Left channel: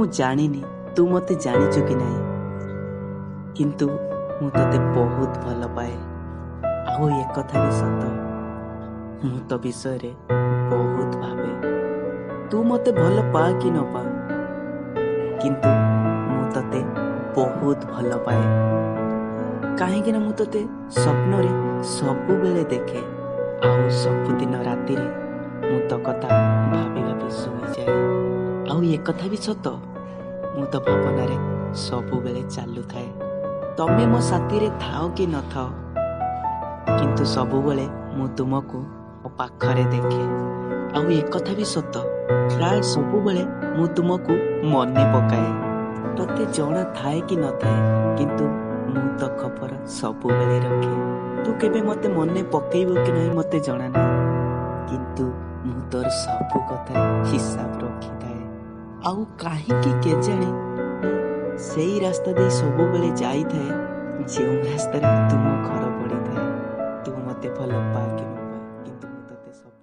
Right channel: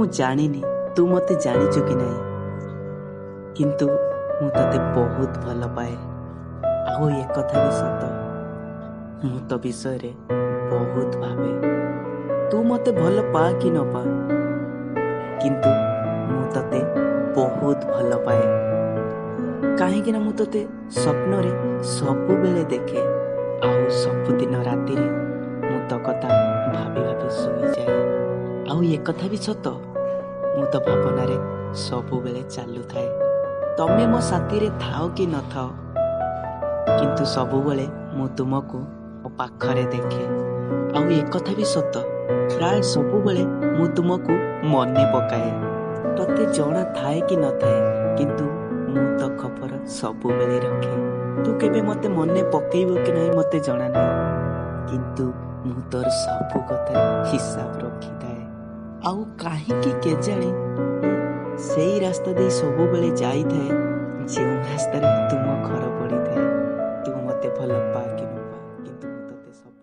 ମୁଁ ଜାଣିନି ତୁ ମୋତେ ଜାଣିଛୁ କି ନାହିଁ, କିନ୍ତୁ ମୁଁ ତତେ ବହୁତ ଭଲ ପାଏ। ଆଉ ଏକଥା ବି ସତ, ମୁଁ ତୋ ବିଷୟରେ ବହୁତ ଭାବେ। ତୁ ମୋତେ ଭଲ ପା କି ନ ପା, କିନ୍ତୁ ମୁଁ ତତେ ବହୁତ ଭଲ ପାଏ। କାହିଁକି ନା ମୁଁ ତତେ ସ୍ୱପ୍ନରେ ସବୁବେଳେ ଦେଖେ, ଆଉ ସବୁଦିନ ରାତିରେ ମୁଁ ତୋ କଥା ଭାବି ଭାବି ଶୋଇଯାଏ। ଆଉ ଏକଥା ବି ସତ, ମୁଁ ତ ଭାବନାରେ ସବୁବେଳେ ଚାଲୁଥାଏ। ତମେ ମୋ ସାଥିରେ ଥାଅ କି ନଥାଅ, କିନ୍ତୁ ସବୁବେଳେ ମୁଁ ତୁମକୁ ମୋ ପାଖରେ ଦେଖେ। ଆଉ ଏକଥା ବି ସତ, ପ୍ରାୟ ସବୁବେଳେ ମୁଁ ତୁମକୁ ମନେ ପକାଏ। ତତେ ଜଣା ଥାଏ କି ନଥାଏ, କିନ୍ତୁ ମୁଁ ତ ଖବର ସବୁବେଳେ ରଖେ। ତୁ କେବେ ମୋତେ ମନେ ପକେଇବୁ କି ନାହିଁ ମୋତେ ଜଣା ନାହିଁ, କିନ୍ତୁ ମୁଁ ତୋର ସବୁ କଥାରେ ହିସାବ ରଖିଥାଏ। ଆଉ କାହିଁକି କେଜାଣି ମୁଁ ସେଇ ରାସ୍ତା ଦେଇ ସବୁବେଳେ ଯାଇଥାଏ, ଯେଉଁ ରାସ୍ତାରେ ତୁମ ଘର ପଡ଼ିଥାଏ। ତୁ ମୋତେ ଭଲ ପା କି ନ ପା, କିନ୍ତୁ ମୁଁ ତତେ ସବୁ